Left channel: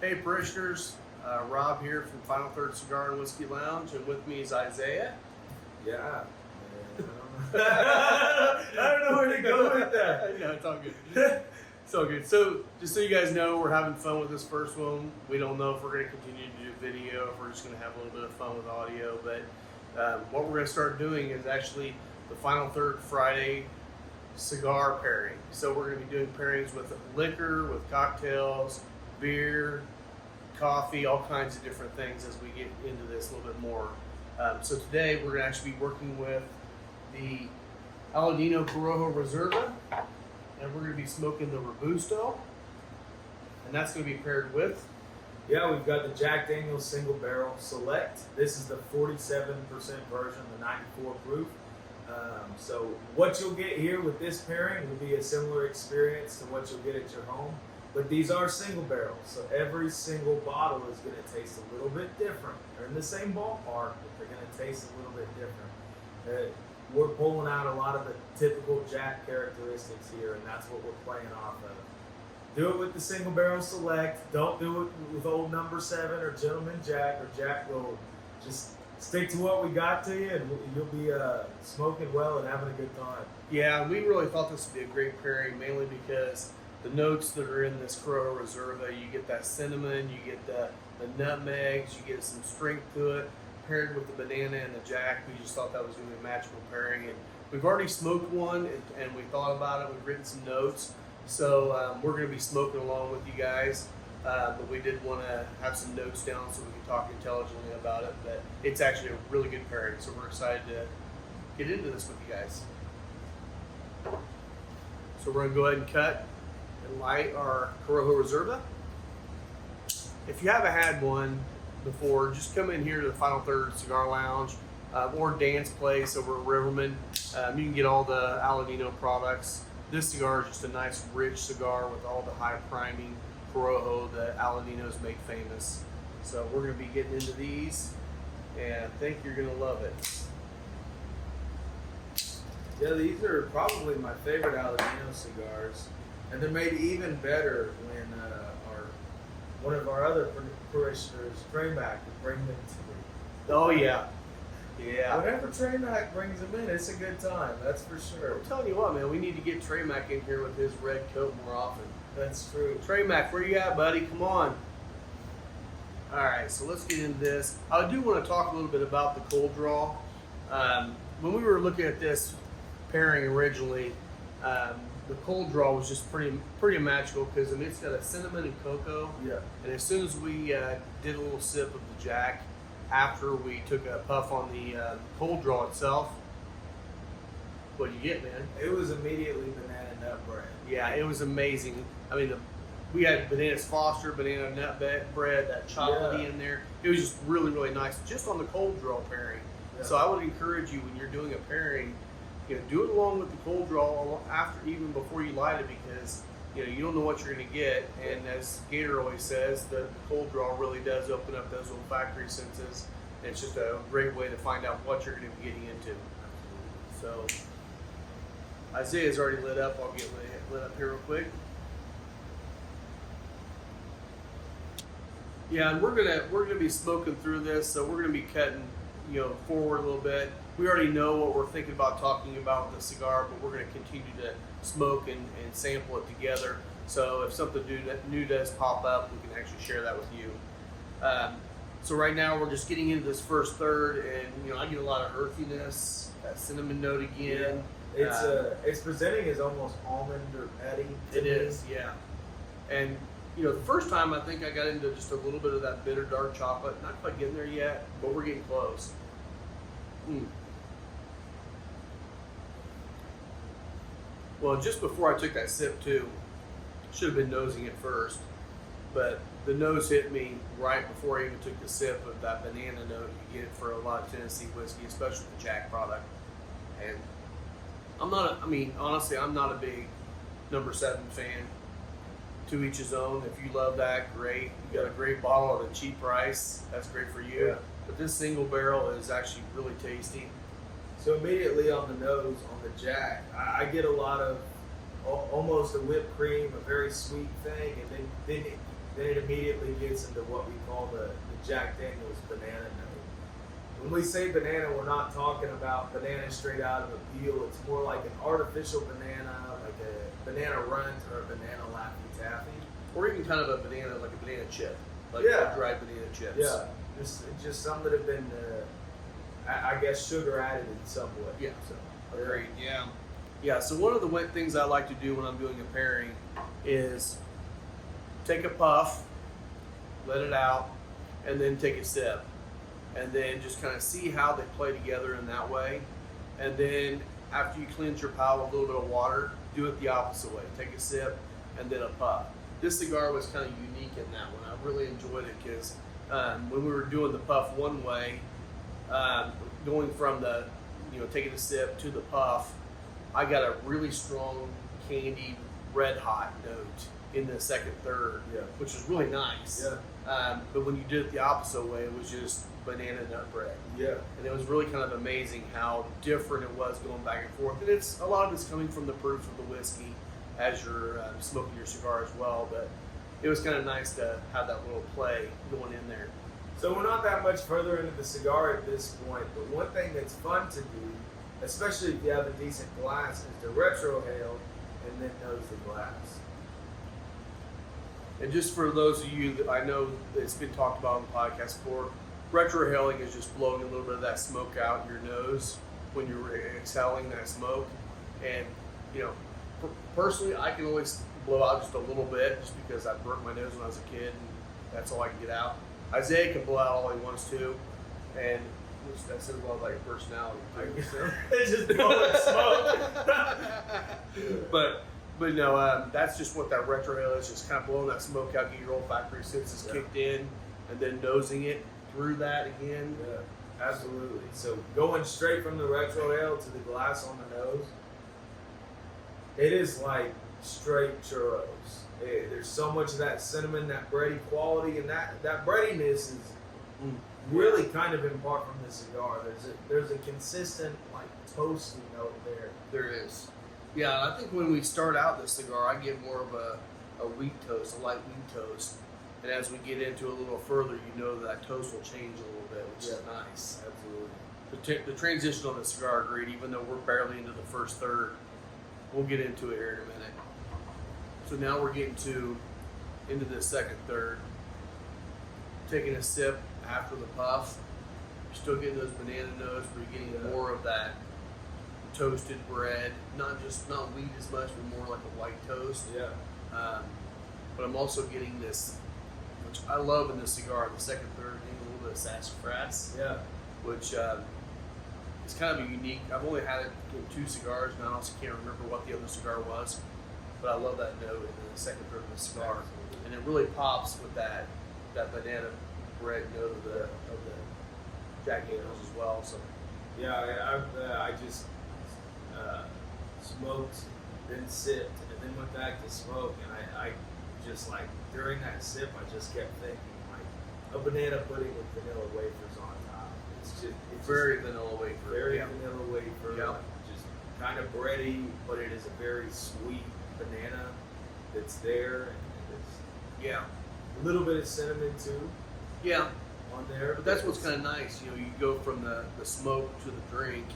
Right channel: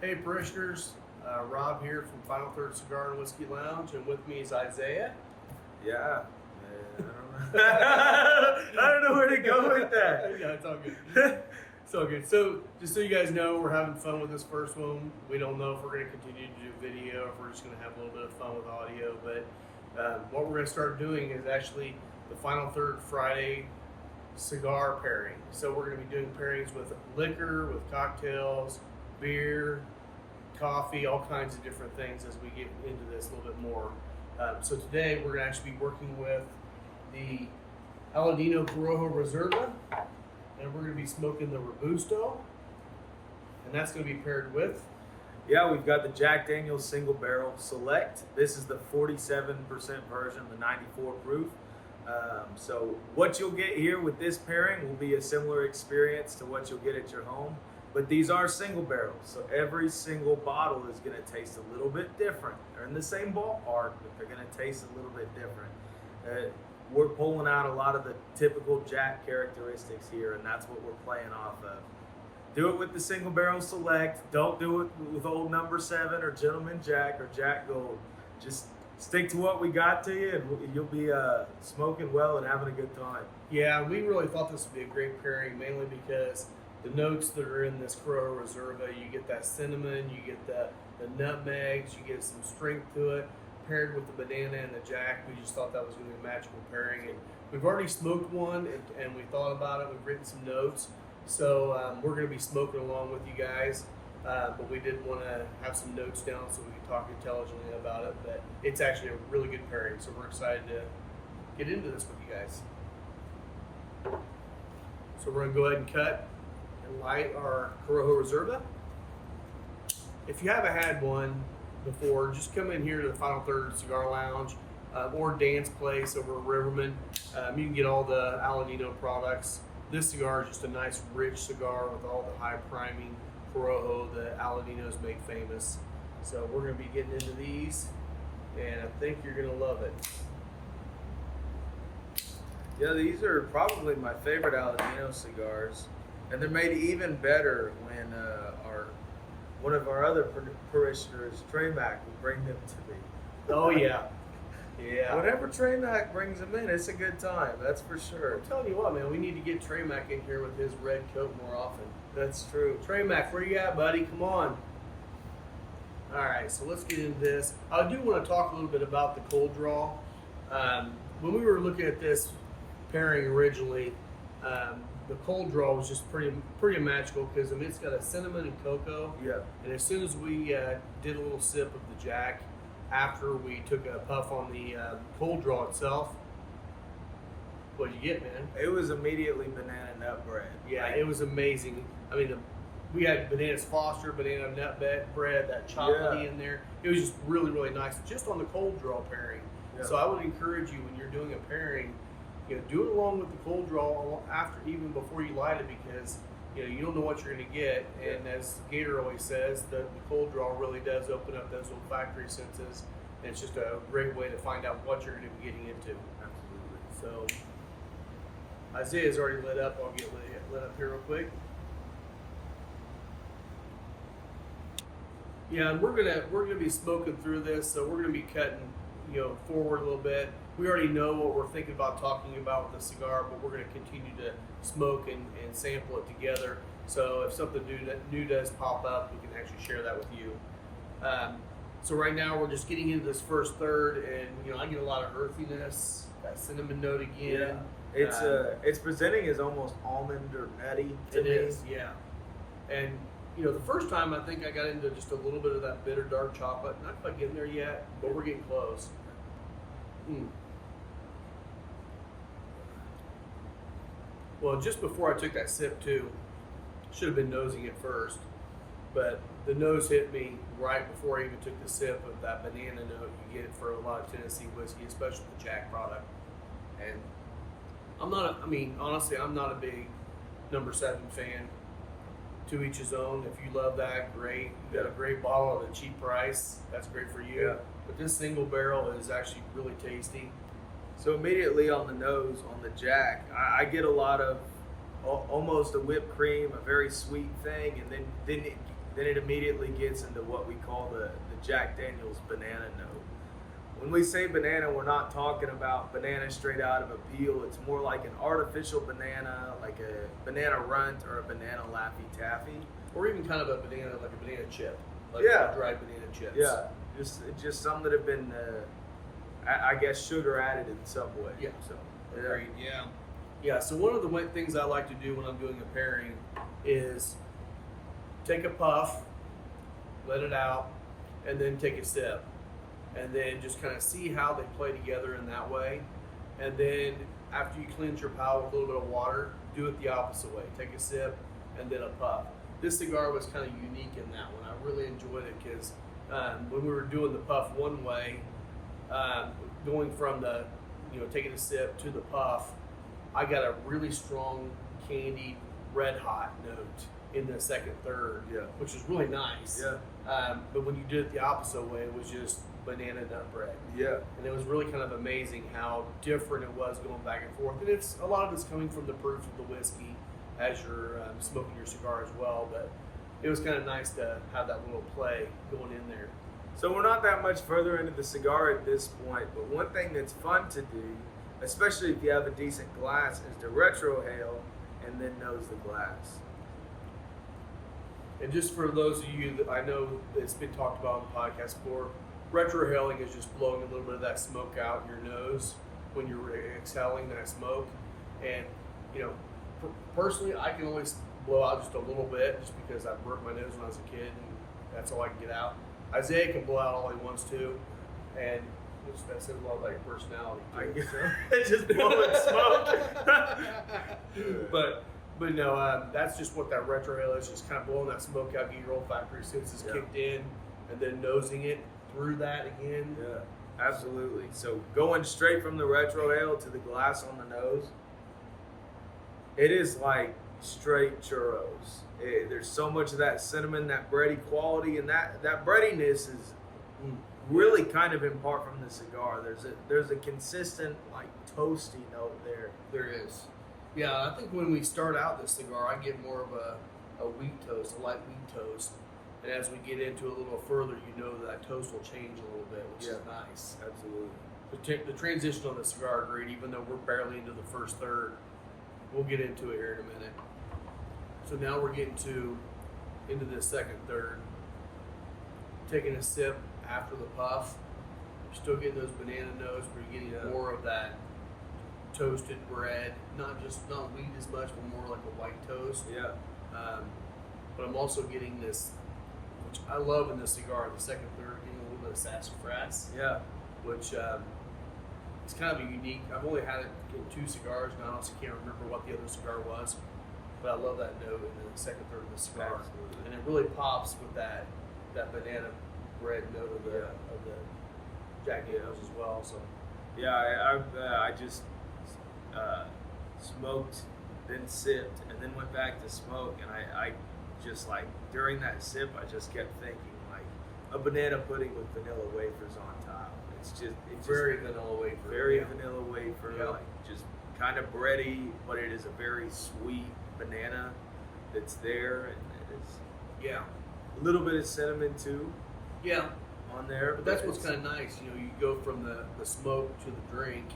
Hey parishioners, Rob here from Final Third Cigar and Whiskey Lounge, and with me is Isaiah. Yeah. I don't know where to go with that. No, it's all good. It's all good. So, just so you guys know, we're having fun with this first one. We don't know if we're going to continue to do video, if we're just going to have a little bit of fun with audio, but what we're going to start doing is actually the Final Third Friday cigar pairing. So we're going to be doing pairings with liquor, with cocktails, beer, coffee, all kinds of different things as we get into this a little bit more. So today we're going to actually be working with the Aladino Corojo Reserva, and we're going to be smoking the Robusto, and that's going to be paired with. Yeah, we've got the Jack Daniel's Single Barrel Select. This is the 47% version, the 94 proof. So what you'll get here with this pairing will be a similar experience to what you'll get at your home. But these are single barrels, so every single bottle is going to taste a little bit different. They're in the same ballpark, but they're going to taste a little bit different. We're pulling out a lot of the typical Jack characteristics here, and that's what we're playing off of. Do it with the Single Barrel Select. Don't do it with Old Number 7 or Gentleman Jack or Jack Gold. Just stick to what we got to you, and you'll be smoking well and having a good time. Yeah, we really thought this would be a great pairing, mainly because the notes that are in this Corojo Reserva, you get that cinnamon, you get the nutmegs, you get some strength to it. Paired with the banana and the Jack, we just thought that was going to be a magical pairing. And we've already smoked one, and we thought about it. We've written some notes, so we're going to be smoking along with you guys. But we did want to have some notes down so we can talk intelligently about it. But it's actually a really good pairing, so we're excited to get into this with you guys. So we're going to go ahead and cut and light our Corojo Reserva. If you haven't had one before, just come in here to the Final Third Cigar Lounge or Dance Place over at Riverman. You can get all the Aladino products. This cigar is just a nice rich cigar with all the high priming Corojo that Aladinos make famous. So we're going to be getting into these, and I think you're going to love it. Yeah, these are probably my favorite Aladino cigars, and they're made even better when one of our other parishioners, Trey Mac, would bring them to me. Oh yeah, yeah. Whenever Trey Mac brings them in, it's a good time. That's for sure. I'm telling you what, man, we need to get Trey Mac in here with his red coat more often. That's true. Trey Mac, where you at, buddy? Come on. All right, so let's get into this. I do want to talk a little bit about the cold draw. When we were looking at this pairing originally, the cold draw was just pretty magical because it's got a cinnamon and cocoa. Yeah. And as soon as we did a little sip of the Jack, after we took a puff on the cold draw itself, what did you get, man? It was immediately banana nut bread. Yeah, it was amazing. I mean, we had bananas Foster, banana nut bread, that chocolatey in there. It was just really, really nice, just on the cold draw pairing. Yeah. So I would encourage you when you're doing a pairing, do it along with the cold draw after, even before you light it, because you don't know what you're going to get. And as Gator always says, the cold draw really does open up those olfactory senses. And it's just a great way to find out what you're going to be getting into. Absolutely. So Isaiah's already lit up. I'll get lit up here real quick. Yeah, and we're gonna be smoking through this, so we're gonna be cutting forward a little bit. We already know what we're thinking about talking about with the cigar, but we're gonna continue to smoke and sample it together. So if something new does pop up, we can actually share that with you. So right now we're just getting into this first third, and I get a lot of earthiness, that cinnamon note again. Yeah. It's presenting as almost almond or nutty. It is, yeah. And the first time I think I got into just a little bit of that bitter dark chocolate. Not quite getting there yet, but we're getting close. Well, just before I took that sip too, should have been nosing it first, but the nose hit me right before I even took the sip of that banana note you get for a lot of Tennessee whiskey, especially the Jack product. And honestly, I'm not a big number 7 fan. To each his own. If you love that, great. You got a great bottle at a cheap price. That's great for you. Yeah. But this single barrel is actually really tasty. So immediately on the nose, on the Jack, I get a lot of almost a whipped cream, a very sweet thing, and then then it immediately gets into what we call the Jack Daniel's banana note. When we say banana, we're not talking about banana straight out of a peel. It's more like an artificial banana, like a banana runt or a banana Laffy Taffy. Or even kind of a banana, like a banana chip. Like dried banana chips. Yeah, just some that have been, I guess, sugar added in some way. Yeah, so agreed. Yeah. Yeah, so one of the things I like to do when I'm doing a pairing is take a puff, let it out, and then take a sip. And then just kind of see how they play together in that way. And then after you cleanse your palate with a little bit of water, do it the opposite way. Take a sip and then a puff. This cigar was kind of unique in that one. I really enjoyed it because when we were doing the puff one way, going from the, taking a sip to the puff, I got a really strong candied red hot note in the second third, which was really nice. But when you did it the opposite way, it was just banana nut bread. And it was really kind of amazing how different it was going back and forth. And a lot of it's coming from the proof of the whiskey as you're smoking your cigar as well. But it was kind of nice to have that little play going in there. So we're not that much further into the cigar at this point, but one thing that's fun to do, especially if you have a decent glass, is to retrohale and then nose the glass. And just for those of you that I know it's been talked about on the podcast before, retrohaling is just blowing a little bit of that smoke out in your nose when you're exhaling that smoke. And, personally, I can only blow out just a little bit just because I burnt my nose when I was a kid and that's all I can get out. Isaiah can blow out all he wants to, and that says a lot about your personality. I guess so. It's just blowing smoke. But that's just what that retrohale is, just kind of blowing that smoke out, get your olfactory senses kicked in, and then nosing it through that again. Yeah, absolutely. So going straight from the retrohale to the glass on the nose, it is like straight churros. There's so much of that cinnamon, that bready quality, and that breadiness is really kind of in part from the cigar. There's a consistent like toasty note there. There is. Yeah, I think when we start out the cigar, I get more of a wheat toast, a light wheat toast. And as we get into it a little further, that toast will change a little bit, which is nice. Absolutely. The transition on the cigar, agreed, even though we're barely into the first third, we'll get into it here in a minute. So now we're getting into the second third. Taking a sip after the puff. You're still getting those banana notes, but you're getting more of that toasted bread. Not wheat as much, but more like a white toast. But I'm also getting this, which I love in the cigar, the second third, getting a little bit of sassafras. Which is kind of unique. I've only had it in 2 cigars now, so I can't remember what the other cigar was. But I love that note in the second third of the cigar. And it really pops with that banana bread note of the Jack Daniel's as well. So I just smoked, then sipped, and then went back to smoke, and I just like during that sip I just kept thinking like a banana pudding with vanilla wafers on top. It's very vanilla wafer. Very vanilla wafer. Like just kind of bready, but it is a very sweet banana that's there, and it's a little bit of cinnamon too. On there. But that's what's kind of nice. You go from the smoke to the drink,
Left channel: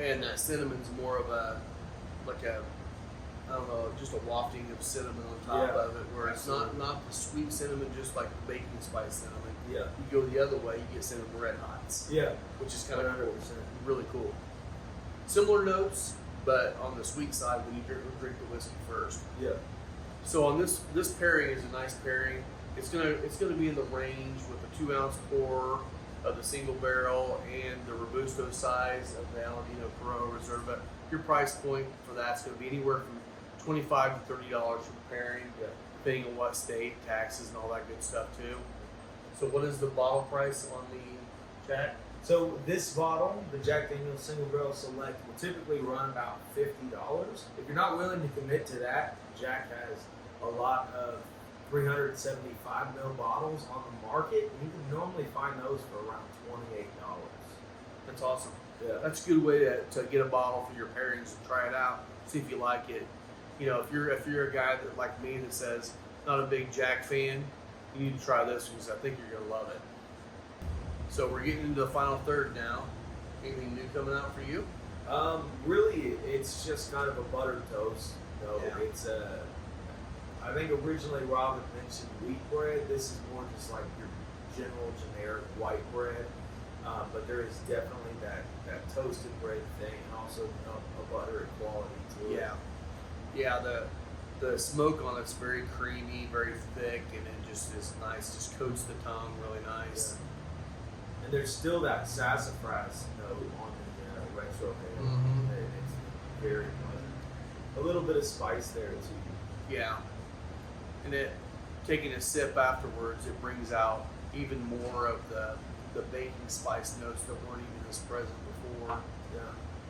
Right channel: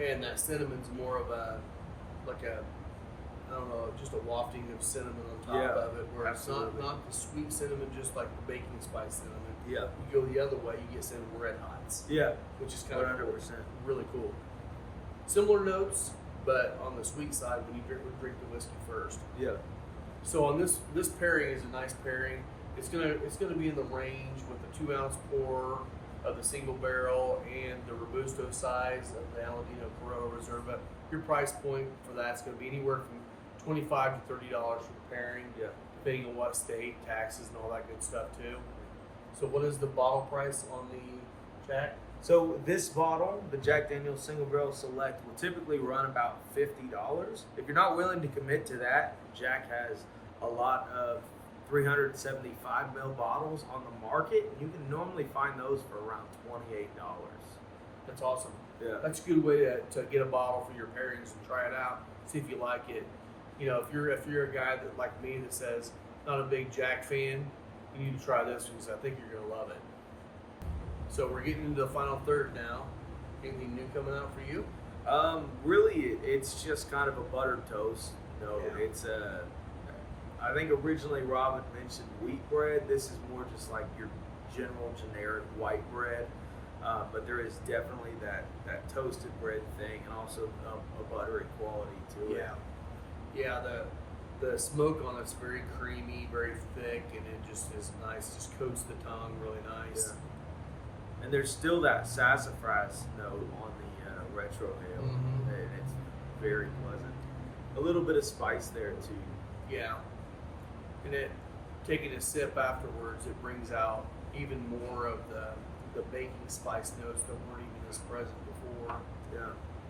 and that cinnamon's more of just a wafting of cinnamon on top of it, where it's not the sweet cinnamon, just like the baking spice cinnamon. You go the other way, you get cinnamon red hots. Which is kind of really cool. Similar notes, but on the sweet side when you drink the whiskey first. So on this pairing is a nice pairing. It's gonna be in the range with the 2-ounce pour of the single barrel and the Robusto size of the Aladino Corojo Reserva. Your price point for that's gonna be anywhere from $25 to $30 for the pairing, depending on what state, taxes, and all that good stuff too. So what is the bottle price on the Jack? So this bottle, the Jack Daniel's Single Barrel Select, will typically run about $50. If you're not willing to commit to that, Jack has a lot of 375 ml bottles on the market. You can normally find those for around $28. That's awesome. That's a good way to get a bottle for your pairings and try it out, see if you like it. If you're a guy that like me that says, not a big Jack fan, you need to try this one because I think you're going to love it. So we're getting into the final third now. Anything new coming out for you? Really, it's just kind of a buttered toast. Yeah. It's I think originally Rob had mentioned wheat bread. This is more just like your general generic white bread. But there is definitely that toasted bread thing, and also a buttery quality to it. Yeah. The smoke on it's very creamy, very thick, and it just is nice. Just coats the tongue really nice. Yeah. And there's still that sassafras note on the retro ale. Mhm. And it's very pleasant. A little bit of spice there too. Yeah. And it taking a sip afterwards, it brings out even more of the baking spice notes that weren't even as present before. Yeah.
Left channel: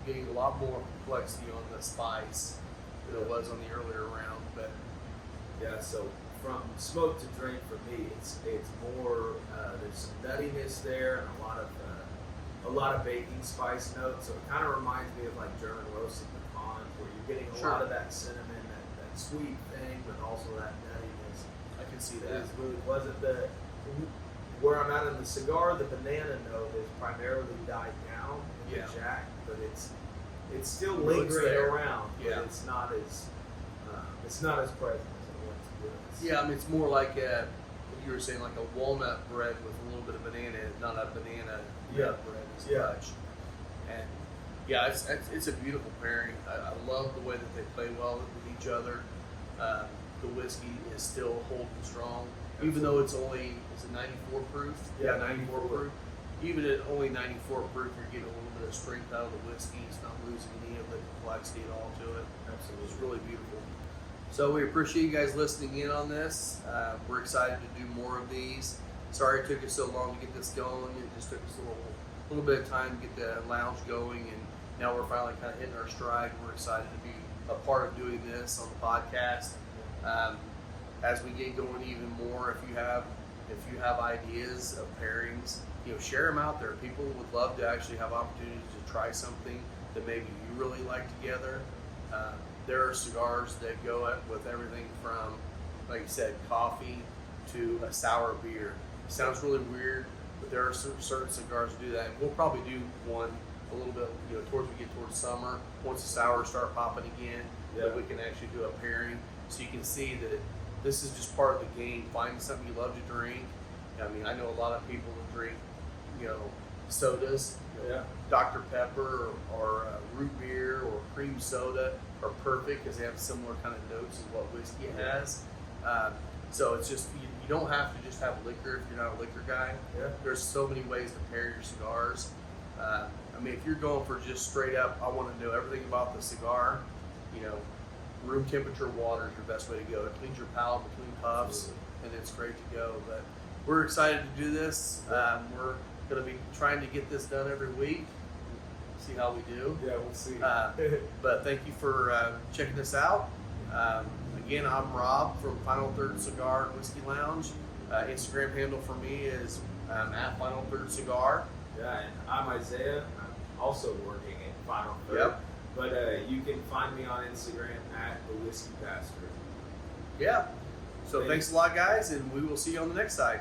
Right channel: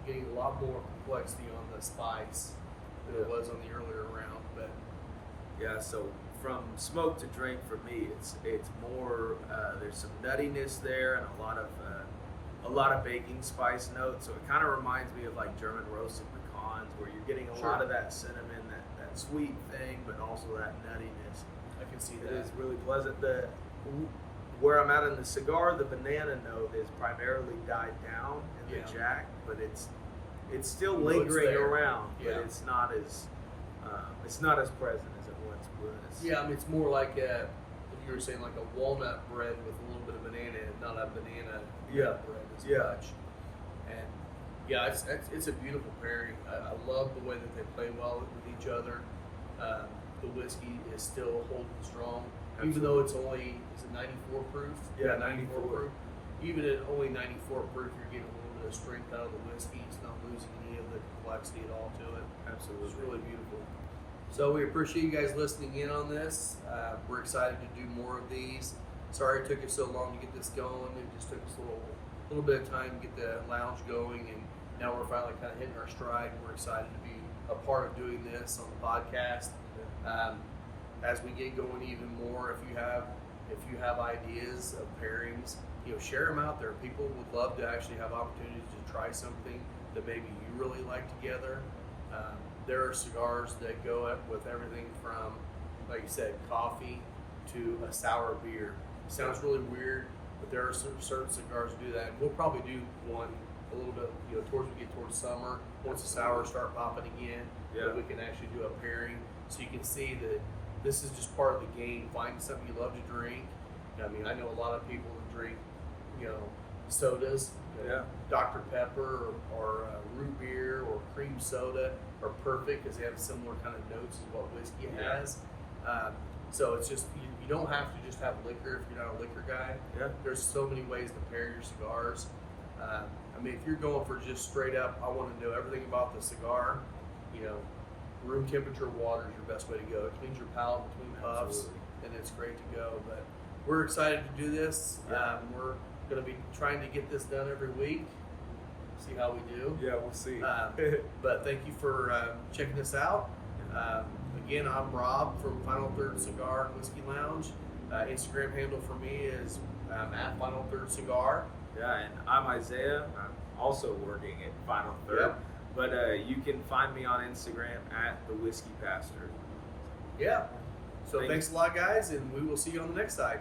Getting a lot more complexity on the spice than it was on the earlier round. But Yeah, so from smoke to drink for me, it's more. There's some nuttiness there and a lot of baking spice notes. So it kind of reminds me of like German roasted pecans, where you're getting a lot of that cinnamon, that sweet thing, but also that nuttiness. I can see It that. is really pleasant. Where I'm at in the cigar, the banana note is primarily died down in the Jack, but it's still lingering around. Yeah. But it's not as present as it once was. Yeah, I mean it's more like you were saying, like a walnut bread with a little bit of banana, not a banana nut bread as much. And yeah, it's a beautiful pairing. I love the way that they play well with each other. The whiskey is still holding strong, even though it's only 94 proof. Yeah, 94 proof. Even at only 94 proof, you're getting a little bit of strength out of the whiskey. It's not losing any of the complexity at all to it. Absolutely. It's really beautiful. So we appreciate you guys listening in on this. We're excited to do more of these. Sorry it took us so long to get this going. It just took us a little bit of time to get the lounge going, and now we're finally kind of hitting our stride. We're excited to be a part of doing this on the podcast. As we get going even more, if you have ideas of pairings, share them out there. People would love to actually have opportunities to try something that maybe you really like together. There are cigars that go with everything from, like you said, coffee to a sour beer. Sounds really weird, but there are certain cigars that do that. And we'll probably do one a little bit, towards we get towards summer, once the sours start popping again, that we can actually do a pairing, so you can see that this is just part of the game. Find something you love to drink. I mean, I know a lot of people that drink, sodas. Dr. Pepper or root beer or cream soda are perfect because they have similar kind of notes as what whiskey has. So it's just, you don't have to just have liquor if you're not a liquor guy. There's so many ways to pair your cigars. I mean, if you're going for just straight up, I want to know everything about the cigar, room temperature water is your best way to go. It cleans your palate between puffs, and it's great to go. But we're excited to do this. We're going to be trying to get this done every week. See how we do. Yeah, we'll see. But thank you for checking this out. Again, I'm Rob from Final Third Cigar and Whiskey Lounge. Instagram handle for me is at Final Third Cigar. Yeah, and I'm Isaiah. I'm also working at Final Third. Yep. But you can find me on Instagram at the Whiskey Pastor. Yeah. So thanks a lot, guys, and we will see you on the next side.